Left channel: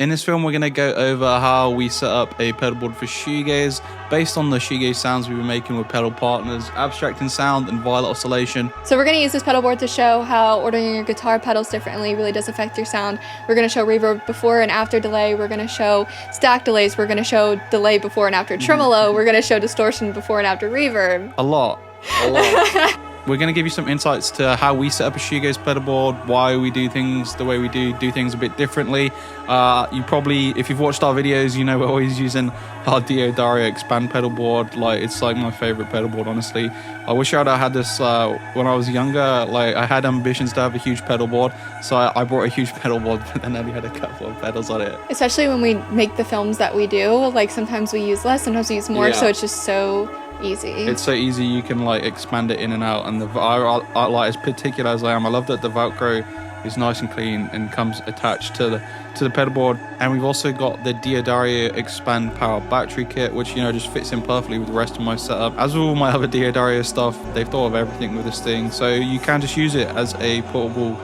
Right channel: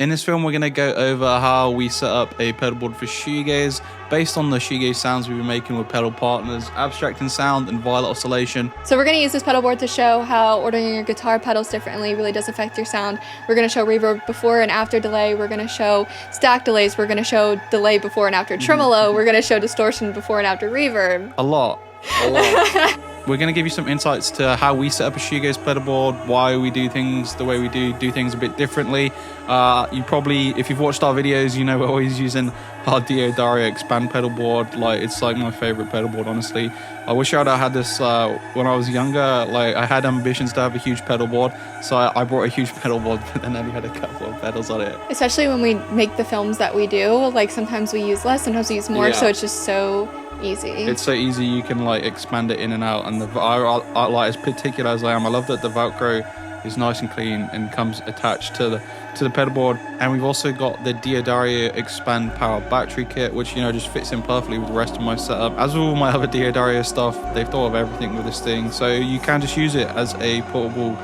In this film, we're going to go over how we set up a pedal board for shoegaze based on the shoegaze sounds we've been making with pedal partners, abstracting sound and violet oscillation. So we're going to use this pedal board to show how ordering your guitar pedals differently really does affect your sound. We're going to show reverb before and after delay. We're going to show stack delays. We're going to show delay before and after tremolo. We're going to show distortion before and after reverb. A lot. We're going to give you some insights to how we set up a shoegaze pedal board, why we do things the way we do things a bit differently. You probably, if you've watched our videos, you know we're always using our DREAMGAZER expand pedal board. Like, it's like my favorite pedal board, honestly. I wish I'd had this when I was younger. Like, I had ambitions to have a huge pedal board, so I brought a huge pedal board, but then I only had a couple of pedals on it. Especially when we make the films that we do, like sometimes we use less, sometimes we use more, so it's just so easy. It's so easy, you can like expand it in and out, and I like, as particular as I am, I love that the Velcro is nice and clean and comes attached to the pedal board. And we've also got the DREAMGAZER expand power battery kit, which, you know, just fits in perfectly with the rest of my setup. As with all my other DREAMGAZER stuff, they've thought of everything with this thing, so you can just use it as a portable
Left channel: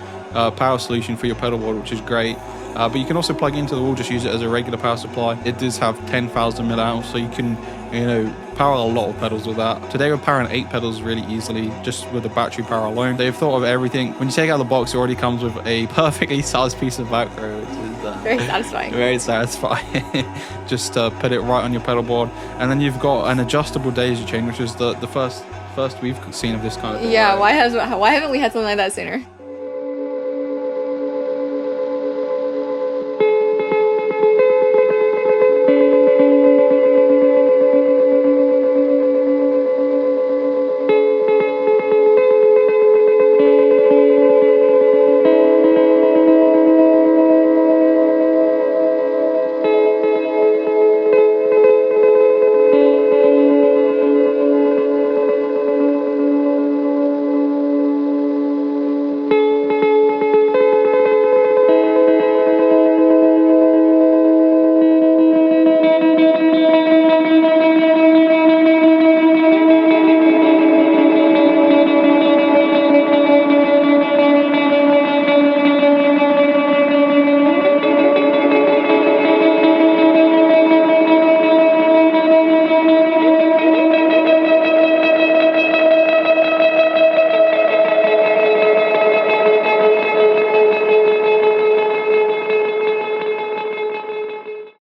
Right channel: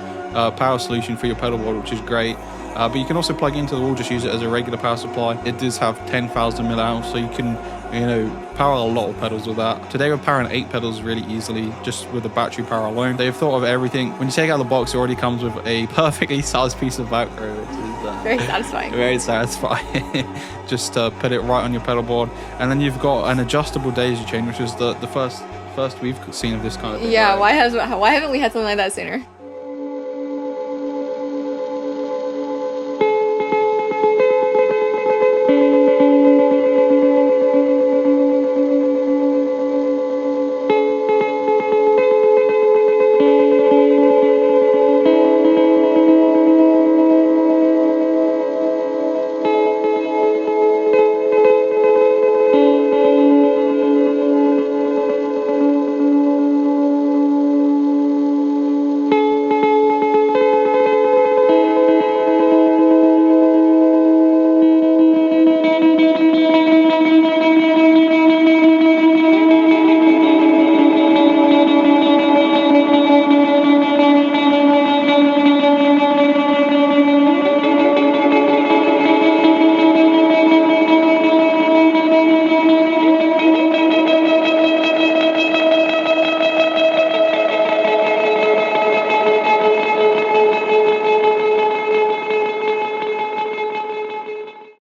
power solution for your pedal board, which is great. But you can also plug it into the wall, just use it as a regular power supply. It does have 10,000 milliamps, so you can, you know, power a lot of pedals with that. Today we're powering 8 pedals really easily, just with the battery power alone. They've thought of everything. When you take out the box, it already comes with a perfectly sized piece of Velcro, which is very satisfying. Very satisfying. Just put it right on your pedal board. And then you've got an adjustable daisy chain, which is the first we've seen of this kind of thing. Yeah, right? Why haven't we had something like that sooner?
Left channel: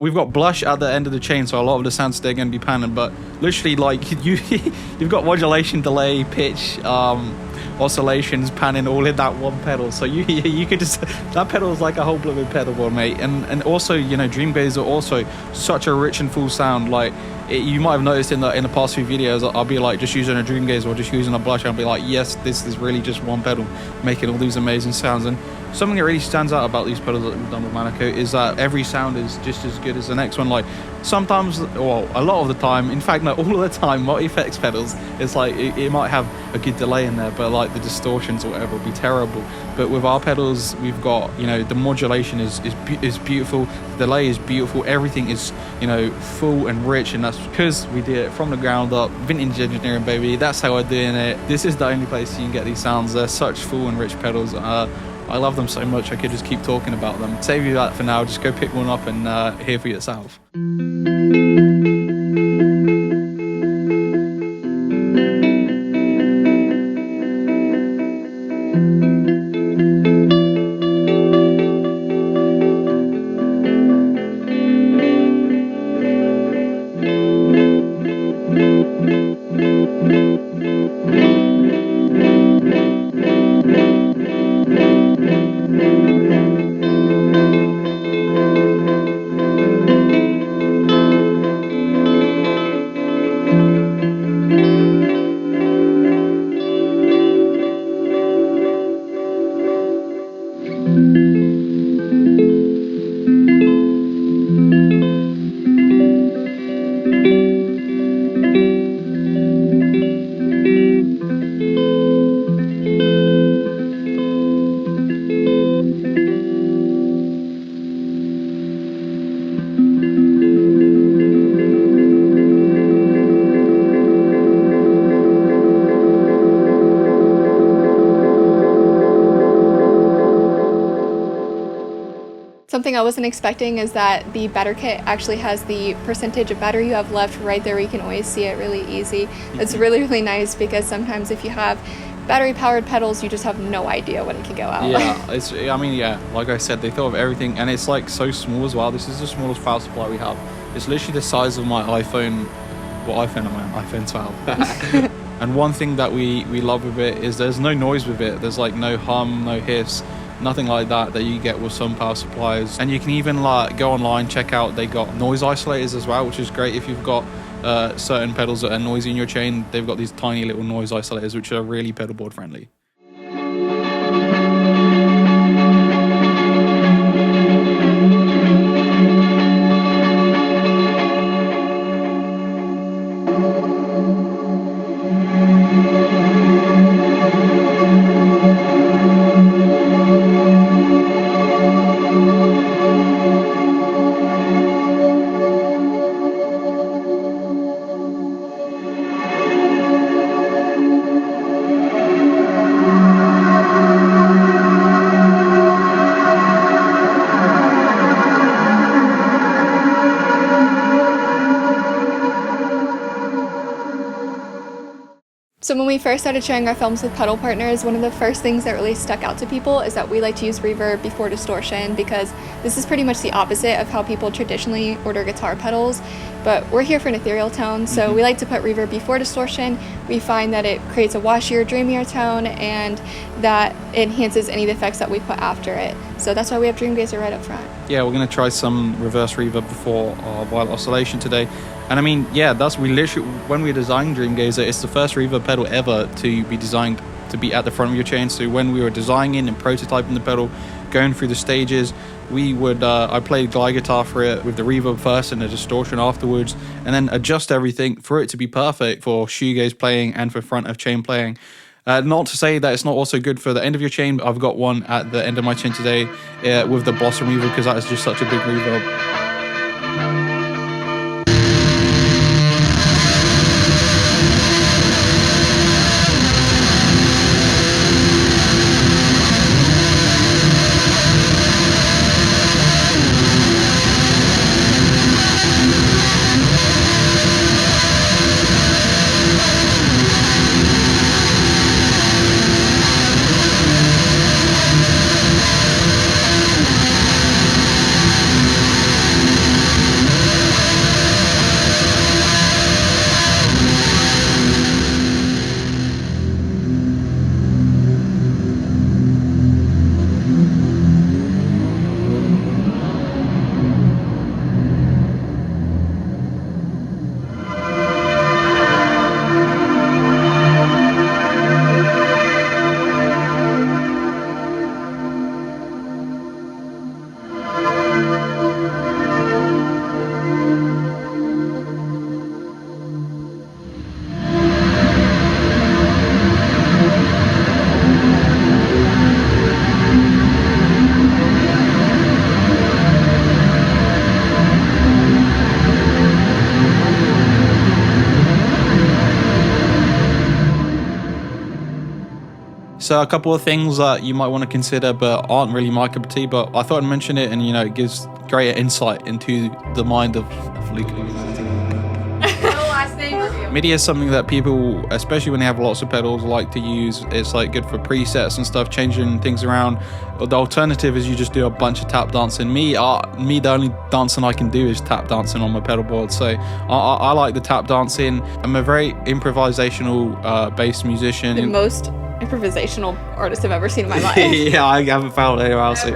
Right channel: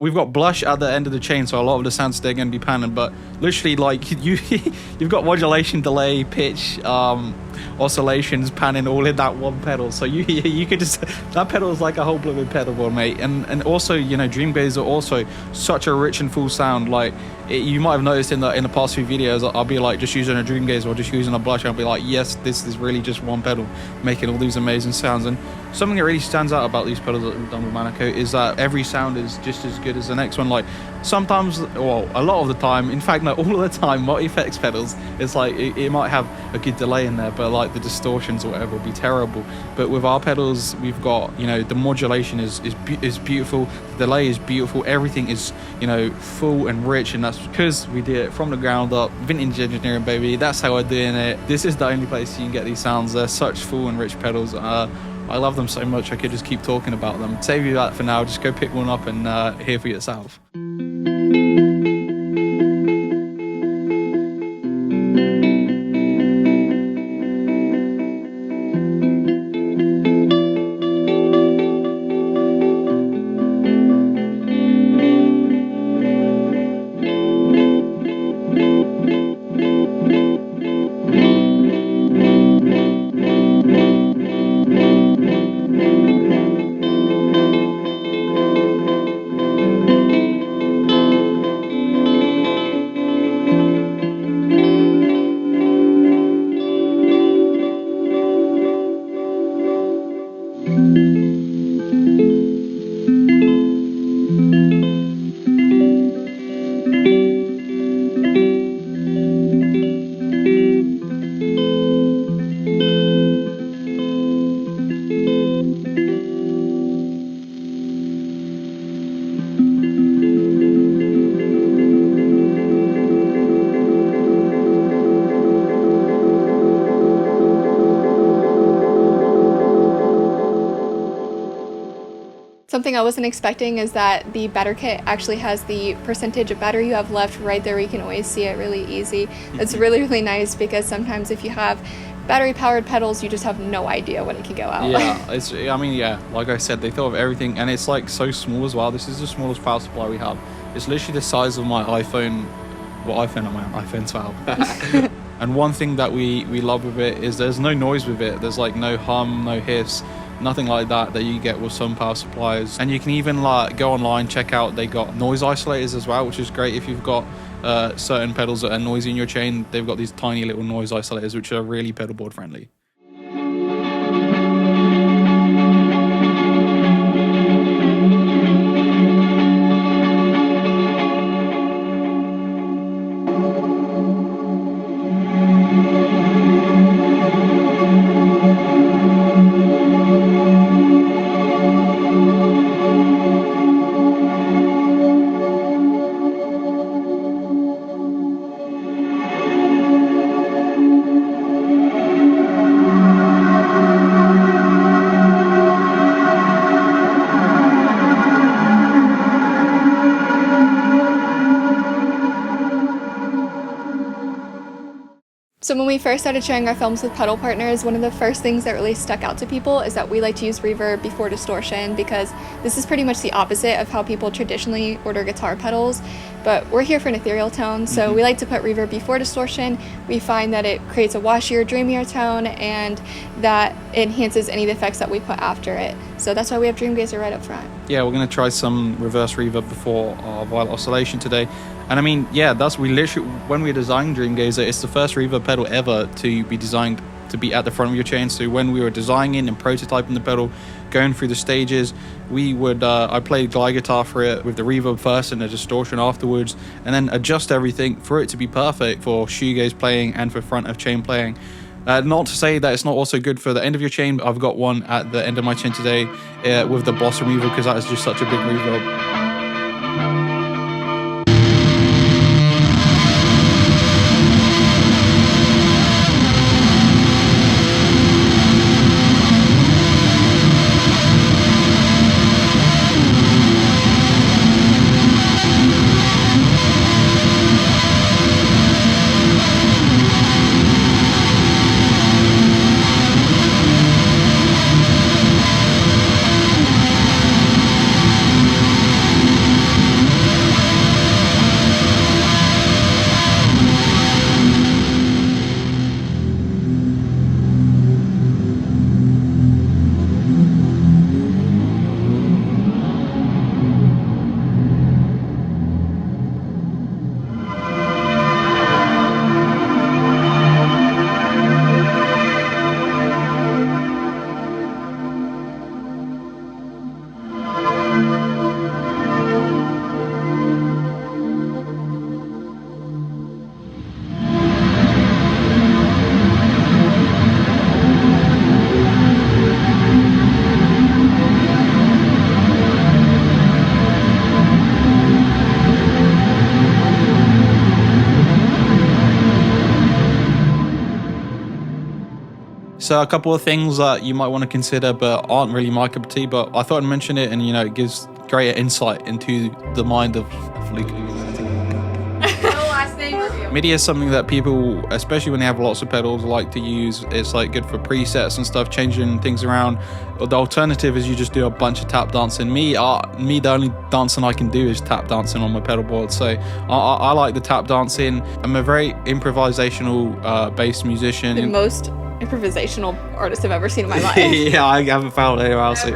We've got blush at the end of the chain, so a lot of the sounds they're going to be panning, but literally, like, you've got modulation, delay, pitch, oscillations panning all in that one pedal. So you could just, that pedal is like a whole blooming pedal board, mate. And also, you know, DREAMGAZER also such a rich and full sound. Like, you might have noticed in the past few videos, I'll be like just using a DREAMGAZER or just using a blush. I'll be like, yes, this is really just one pedal making all these amazing sounds. And something that really stands out about these pedals that we've done with Monaco is that every sound is just as good as the next one. Like, sometimes, well, a lot of the time, in fact, no, all of the time, multi-effects pedals, it's like it might have a good delay in there, but like the distortions or whatever will be terrible. But with our pedals, we've got, you know, the modulation is beautiful, the delay is beautiful, everything is, you know, full and rich, and that's because we did it from the ground up, vintage engineering, baby. That's how we're doing it. This is the only place you can get these sounds. They're such full and rich pedals. I love them so much, I could just keep talking about them. Save you that for now, just go pick one up and hear for yourself. Something I wasn't expecting is that the batter kit actually has the percentage of batter you have left right there. You can always see it really easy. It's really, really nice because sometimes if you have battery powered pedals, you just have no idea when it can go out. Yeah, I mean, yeah, like I said, they thought of everything, and it's like so small as well. This is the smallest power supply we have. It's literally the size of my iPhone. What iPhone am I on? iPhone 12. And one thing that we love with it is there's no noise with it. There's like no hum, no hiss, nothing like that you get with some power supplies. And you can even like go online, check out, they got noise isolators as well, which is great if you've got certain pedals that are noisy in your chain. They've got these tiny little noise isolators which are really pedalboard friendly. So when we first started sharing our films with pedal partners, one of the first things that really stuck out to people is that we like to use reverb before distortion, because this is pretty much the opposite of how people traditionally order guitar pedals. But we're here for an ethereal tone, so we like to put reverb before distortion. We find that it creates a washier, dreamier tone, and that enhances any of the effects that we put after it. So that's why we have DREAMGAZER right up front. Yeah, we're going to try some reverse reverb before our violet oscillation today. And I mean, yeah, we literally, when we designed DREAMGAZER, it's the first reverb pedal ever to be designed to be at the front of your chain. So when we were designing and prototyping the pedal, going through the stages, we would I played glide guitar for it with the reverb first and the distortion afterwards, and then adjust everything for it to be perfect for shoegaze playing and for front of chain playing. Not to say that it's not also good for the end of your chain, but I've got one at the end of my chain today with the Blossom reverb, because that is just such a big reverb. So a couple of things that you might want to consider but aren't really my cup of tea, but I thought I'd mention it, and you know, it gives greater insight into the mind of Luke. MIDI is something that people, especially when they have lots of pedals, like to use. It's like good for presets and stuff, changing things around. The alternative is you just do a bunch of tap dancing. Me, the only dancing I can do is tap dancing on my pedal board. So I like the tap dancing. I'm a very improvisational based musician. The most improvisational artist I've ever seen in my life. Yeah, I haven't found anyone else.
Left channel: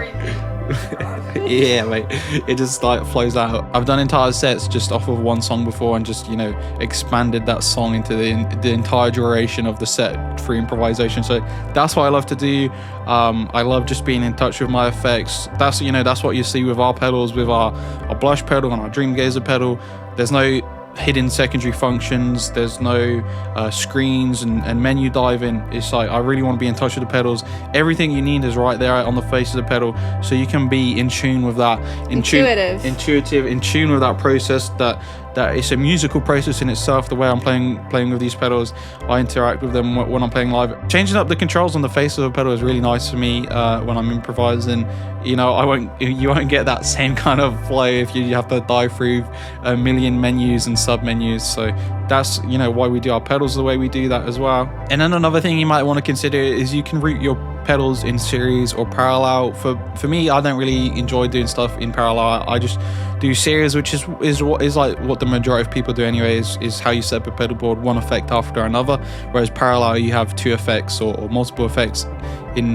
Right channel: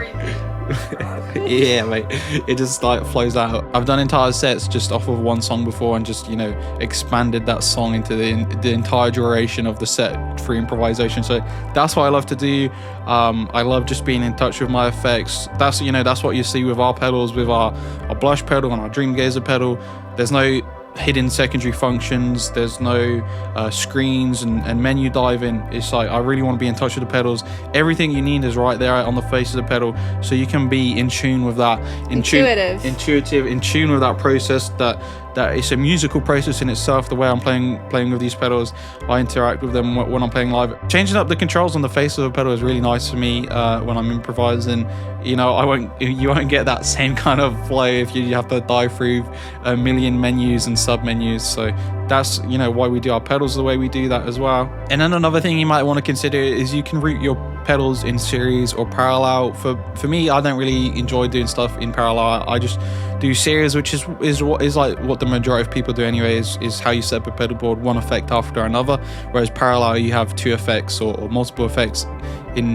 Yeah, mate, it just like flows out. I've done entire sets just off of one song before, and just, you know, expanded that song into the entire duration of the set through improvisation. So that's what I love to do. I love just being in touch with my effects. That's, you know, that's what you see with our pedals, with our Blush pedal and our DREAMGAZER pedal. There's no hidden secondary functions, there's no screens and menu diving. It's like, I really want to be in touch with the pedals. Everything you need is right there on the face of the pedal, so you can be in tune with that, in tune with that process, that that it's a musical process in itself. The way I'm playing with these pedals, I interact with them when I'm playing live. Changing up the controls on the face of a pedal is really nice for me when I'm improvising. You know, you won't get that same kind of flow if you have to dive through a million menus and sub menus. So that's, you know, why we do our pedals the way we do that as well. And then another thing you might want to consider is you can route your pedals in series or parallel. For me, I don't really enjoy doing stuff in parallel. I just do series, which is like what the majority of people do anyway, is how you set up a pedal board, one effect after another. Whereas parallel, you have two effects or multiple effects in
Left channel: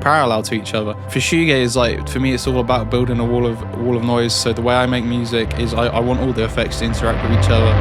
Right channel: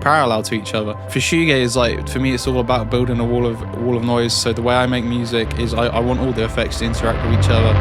parallel to each other. For shoegaze, like for me, it's all about building a wall of noise. So the way I make music is I want all the effects to interact with each other.